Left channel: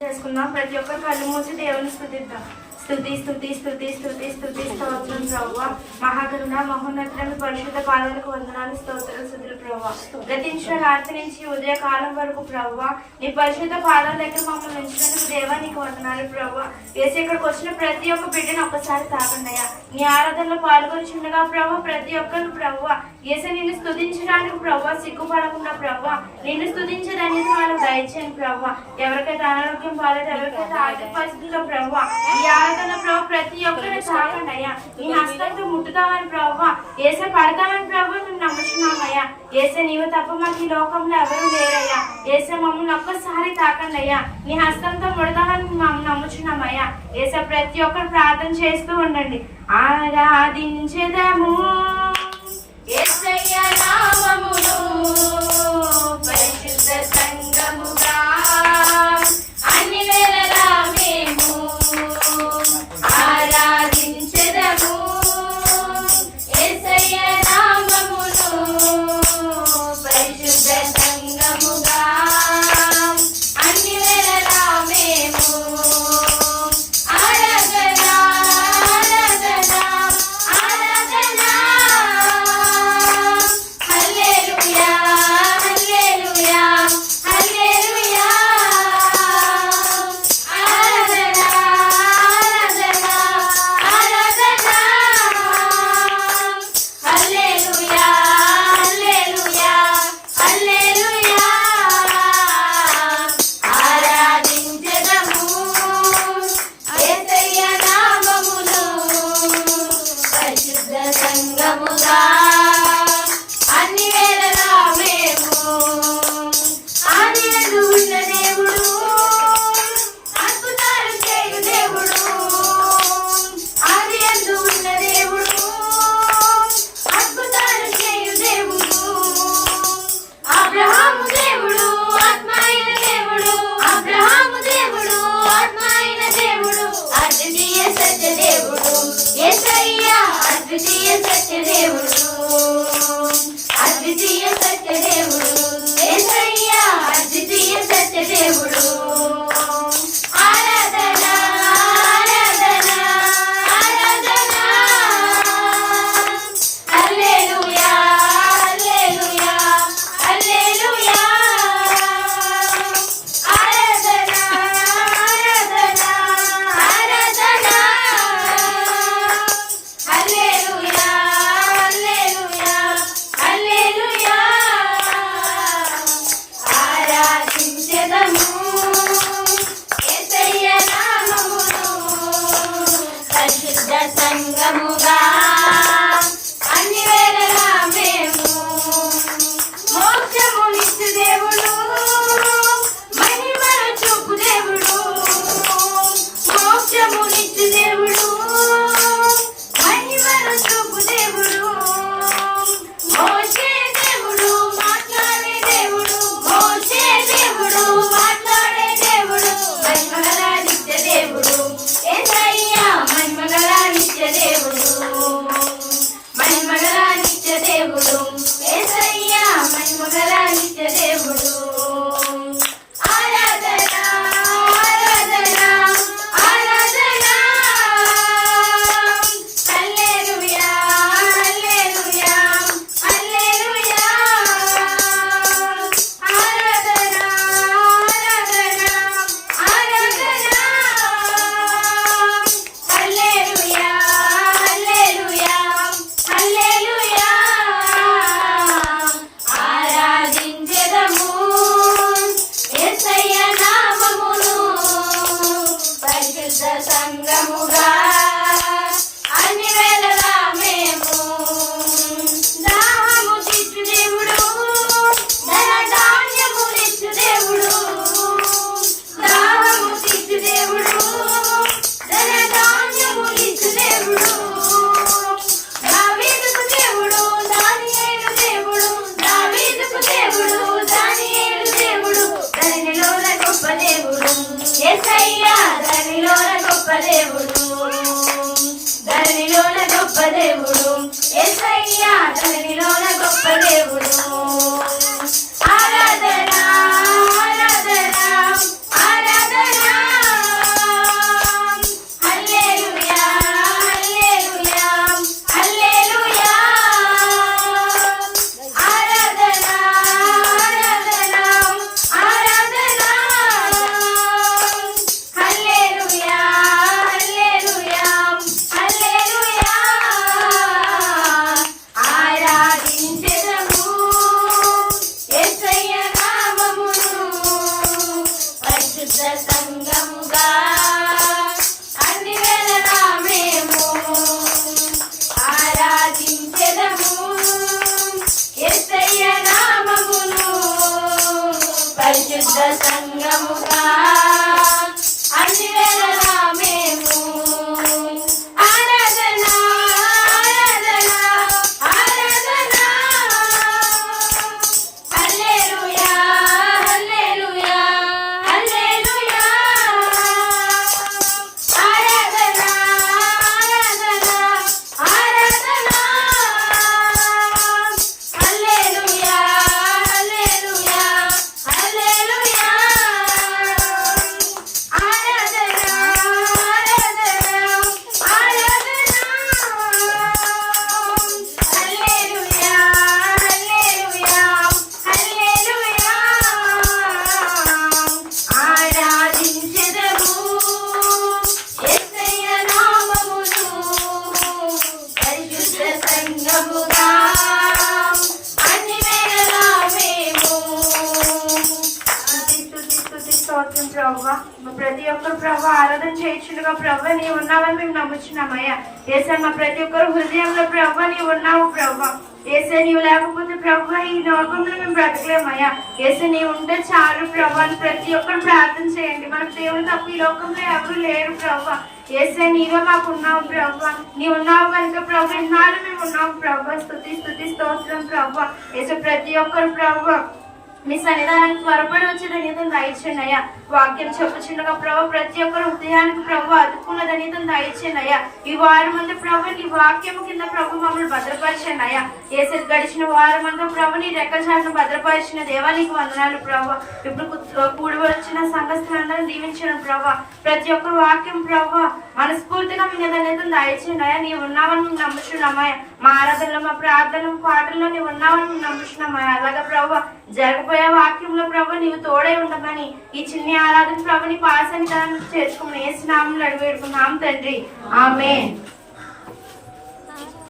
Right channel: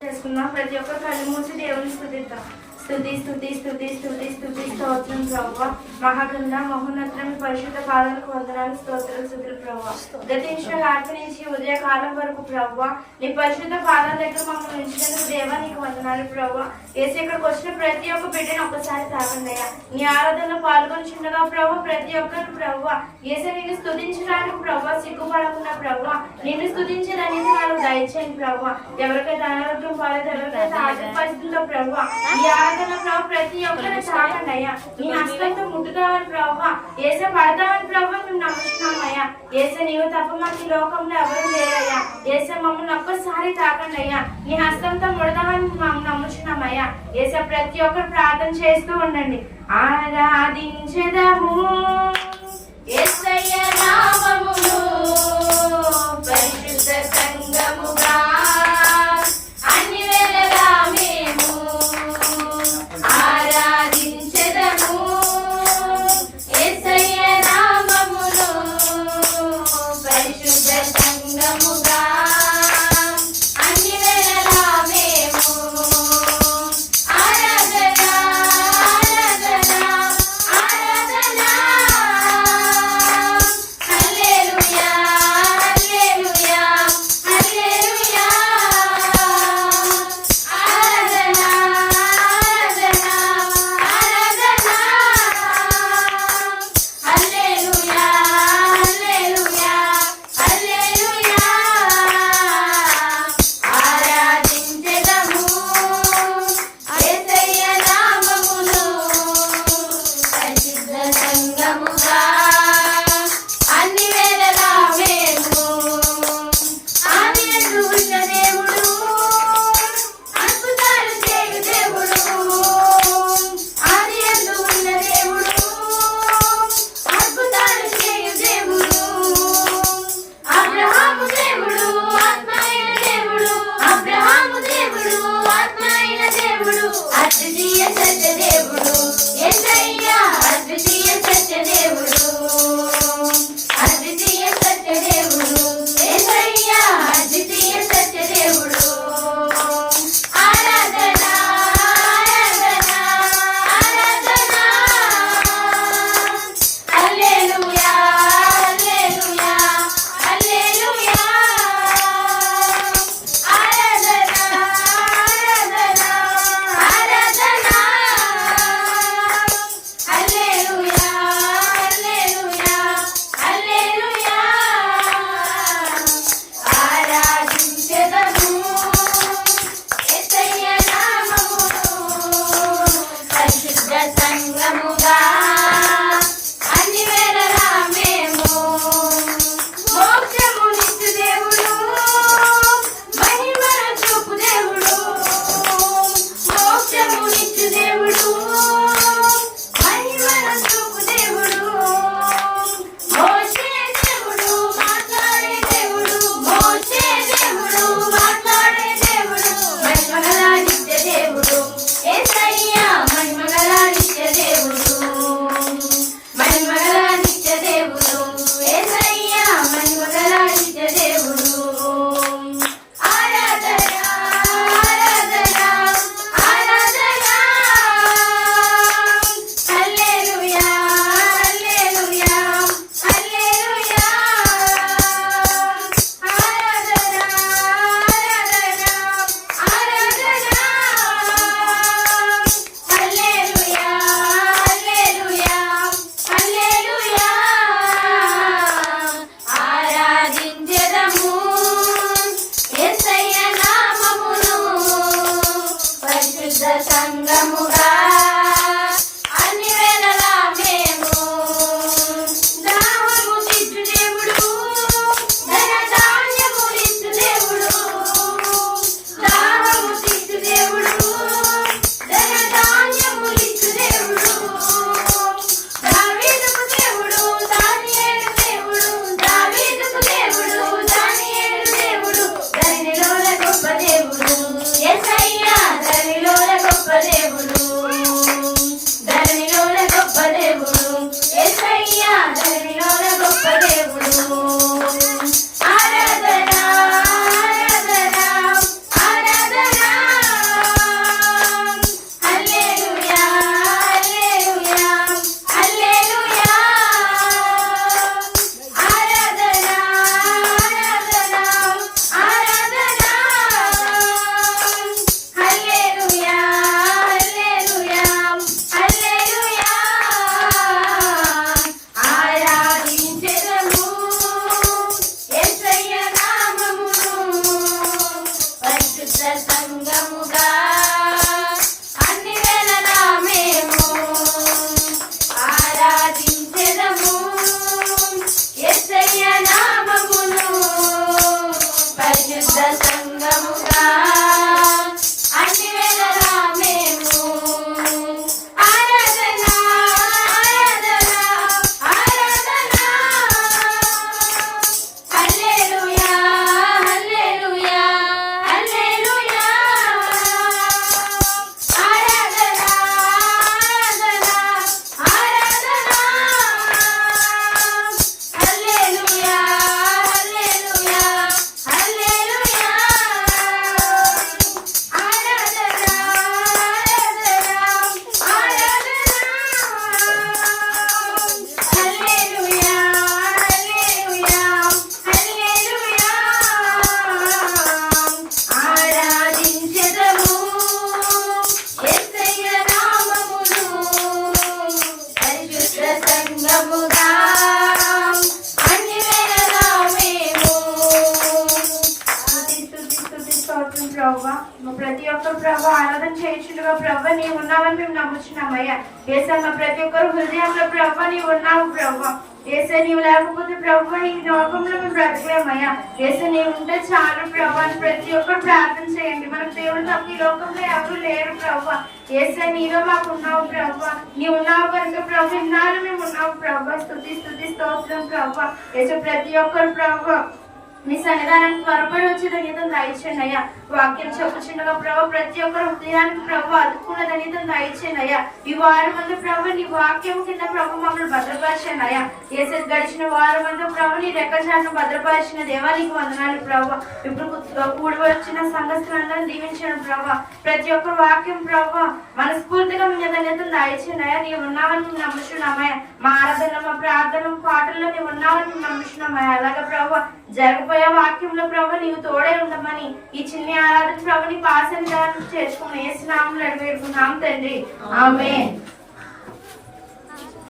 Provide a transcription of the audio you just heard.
చేసుకుందాం. ప్రతి ఒక్కరు కళ్ళు మూసి దేవుని స్తుతిద్దాం. స్తుతి స్తుతి స్తుతి స్తుతి స్తుతి స్తోత్రం ప్రభువ. మహాగరుణ మహోన్నతుల మీ పరిశుద్ధ పాదాలకు వందనాలు, స్తోత్రాలు, స్తుతులు ప్రభువ. గతించిన రాత్రి నుంచి ఉదయకాలం వరకు ప్రభువ నీ పరిశుద్ధ పాదాల దగ్గర మమ్మల్ని ఉంచినందుకు దేవా నీకు వందనాలు ప్రభువ. ఏసు ఇక్కడికి వచ్చిన ప్రతి ఒక్క బిడ్డను ఒక్కసారి తాకండి అయ్యా. నీ ఆరాధనలో పాల్గొని చిన్నగా ప్రభువ ప్రతి ఒక్కరు ప్రభువ ఏసే నిన్ను స్తుతించడానికి ప్రభువ సిగ్గుపడకుండా ప్రభువ నిన్ను స్తుతించడానికి వాళ్ళకు దయచేయండి ప్రభువ. ఎవరికైతే అనారోగ్యం బాలేదు, ఎవరికైతే ఆర్థిక పరిస్థితుల్లో ప్రభువ ఈ ప్రభు ప్రతి ఒక్కరిని తాకండి అయ్యా. నీ హస్తంతో ముట్టుతామని ప్రభు ఏసే పడతామని ప్రభు మేము నమ్ముతున్నామయ్యా. ఏసే నీవు తప్ప మాకు ఈ లోకంలో ఎవరు లేరయ్యా. ఏసే మమ్మల్ని ఒక్కసారి తాకండి అయ్యా. నీ హస్తంతో ముడదామని మేము నమ్ముతున్నామయ్యా. ఏసే ప్రతి ఒక్కరు ప్రార్థన చేస్తూ ఉండండి. ఆరాధించెదము యేసయ్య నామమును పరిశుద్ధ సంగముగా అన్ని వేళలా మేము ఆరాధించెదము. యేసయ్య నామమును పరిశుద్ధ సంగముగా అన్ని వేళలా మేము ఆరాధన ఆరాధన ఆరాధన హల్లెలూయా హల్లెలూయా హల్లెలూయా ఆరాధన ఆరాధన ఆరాధన హల్లెలూయా హల్లెలూయా హల్లెలూయా ఆరాధించెదము యేసయ్య నామమును పరిశుద్ధ సంగముగా అన్ని వేళలా మేము ఆదియందు ఉన్న దేవుడు అద్భుతాలు చేయు దేవుడు. ఆదియందు ఉన్న దేవుడు అద్భుతాలు చేయు దేవుడు. అబ్రహాము దేవుడు ఆత్మైన దేవుడు. అబ్రహాము దేవుడు ఆత్మైన దేవుడు. అద్వితీయ సత్య దేవుడు యేసయ్య. అద్వితీయ సత్య దేవుడు. అద్వితీయ సత్య దేవుడు యేసయ్య. అద్వితీయ సత్య దేవుడు. ఆరాధన ఆరాధన ఆరాధన హల్లెలూయా హల్లెలూయా హల్లెలూయా ఆరాధన ఆరాధన ఆరాధన హల్లెలూయా హల్లెలూయా హల్లెలూయా ఆరాధించెదము యేసయ్య నామమును పరిశుద్ధ సంగముగా అన్ని వేళలా మేము మోక్షమునిచ్చు దేవుడు మహిమను చూపు దేవుడు. మోక్షమునిచ్చు దేవుడు మహిమను చూపు దేవుడు. మోషే దేవుడు మాట్లాడే దేవుడు. మోషే దేవుడు మాట్లాడే దేవుడు. మహిమగల నిత్య దేవుడు యేసయ్య. మహిమగల నిత్య దేవుడు. మహిమగల నిత్య దేవుడు యేసయ్య. మహిమగల నిత్య దేవుడు. ఆరాధన ఆరాధన ఆరాధన హల్లెలూయా హల్లెలూయా హల్లెలూయా ఆరాధన ఆరాధన ఆరాధన హల్లెలూయా హల్లెలూయా హల్లెలూయా ఆరాధించెదము యేసయ్య నామమును పరిశుద్ధ సంగముగా అన్ని వేళలా మేము దాహము తీర్చు దేవుడు. ధన ధాన్యమునిచ్చు దేవుడు. దాహము తీర్చు దేవుడు. ధన ధాన్యమునిచ్చు దేవుడు. దావీదుకు దేవుడు దానియేలు దేవుడు. దావీదుకు దేవుడు దానియేలు దేవుడు. ధరణిలోన గొప్ప దేవుడు యేసయ్య. ధరణిలోన గొప్ప దేవుడు సంగముగా అన్ని వేళలా మేము ఆరాధించెదము యేసయ్య నామమును. పరిశుద్ధ సంగముగా అన్ని వేళలా మేము ఆరాధన ఆరాధన ఆరాధన. హల్లెలూయా హల్లెలూయా హల్లెలూయా. ఆరాధన ఆరాధన ఆరాధన. హల్లెలూయా హల్లెలూయా హల్లెలూయా. ఆరాధన ఆరాధన ఆరాధన. హల్లెలూయా హల్లెలూయా హల్లెలూయా. ఆరాధించెదము యేసయ్య నామమును. పరిశుద్ధ సంగముగా అన్ని వేళలా మేము స్తుతి స్తోత్రం ప్రభువా. మా ప్రతి ఒక్కరు ప్రభు ఆరాధన చేయించుగా ప్రభు నీవు ఉన్నావని మేము నమ్ముచున్నామయ్యా. ఏసే మా ప్రతి ఒక్కరు హృదయంలో ప్రభు నీవు ఉన్నావు ప్రభు. ఏసే నీవు లేకపోతే ప్రభు ఈ లోకంలో మేము బ్రతకలేమయ్యా. ఏసే నీవు ఉంటే చాలు ప్రభు అని ప్రతి ఒక్కరు ప్రార్థన చేయండి. మనకు దేవుడు తప్ప ఈ లోకంలో ఎవరు లేరు ప్రభు. ఏసే నీలో మాకు ఉన్నావు ప్రభు. నీవు ఉన్నావు కనుక ప్రభు ఇన్నాళ్ళు మేము ఉన్నావు ప్రభు. స్తుతి స్తోత్రం ప్రభు. ఏసే ప్రతి ఒక్కరు ప్రభు మీ సన్నిధానానికి త్వరపడి వచ్చి ధన్యతను దయచేయండి అయ్యా. వాక్యం చెప్పుచుండగా ప్రభు ప్రతి ఒక్కరు హృదయానికి ప్రభు అదుకున్న ధన్యతను దయచేయండి అయ్యా. ఈ వారం అంతా ప్రభు నీ వాక్యం కింద ప్రభు మమ్మల్ని భద్రపరచండి అయ్యా. ఏసే గడిచిన వారం అంతా ప్రభు నీ రెక్కచాటును భద్రపరిచిన దేవానికి వందనాలు ప్రభు. ఇప్పుడు కూడి వచ్చిన సంఘస్థానాలను దీవించండి ప్రభు. ప్రతి ఒక్కరు వాక్యం ప్రభు మనస్ఫూర్తిగా మీ ధన్యతను దయచేయండి అయ్యా. నీవు ఉన్నావని మేము నమ్ముచున్నామయ్యా. మా ఆరాధనలో మా ప్రార్థనలు పాటల్లో నీవు ఉన్నావని మేము నమ్ముచున్నామయ్యా. అలాగే ప్రభు జరగబోయే వాక్యంలో ప్రభు నీవు తోడే ఉండమని ఈ చిన్న ఆరాధన ప్రభు నీ పాసని చేర్చుకోమని యేసు నామములో అడిగి వేడుకుంటున్నాం తండ్రి. ఆమేన్.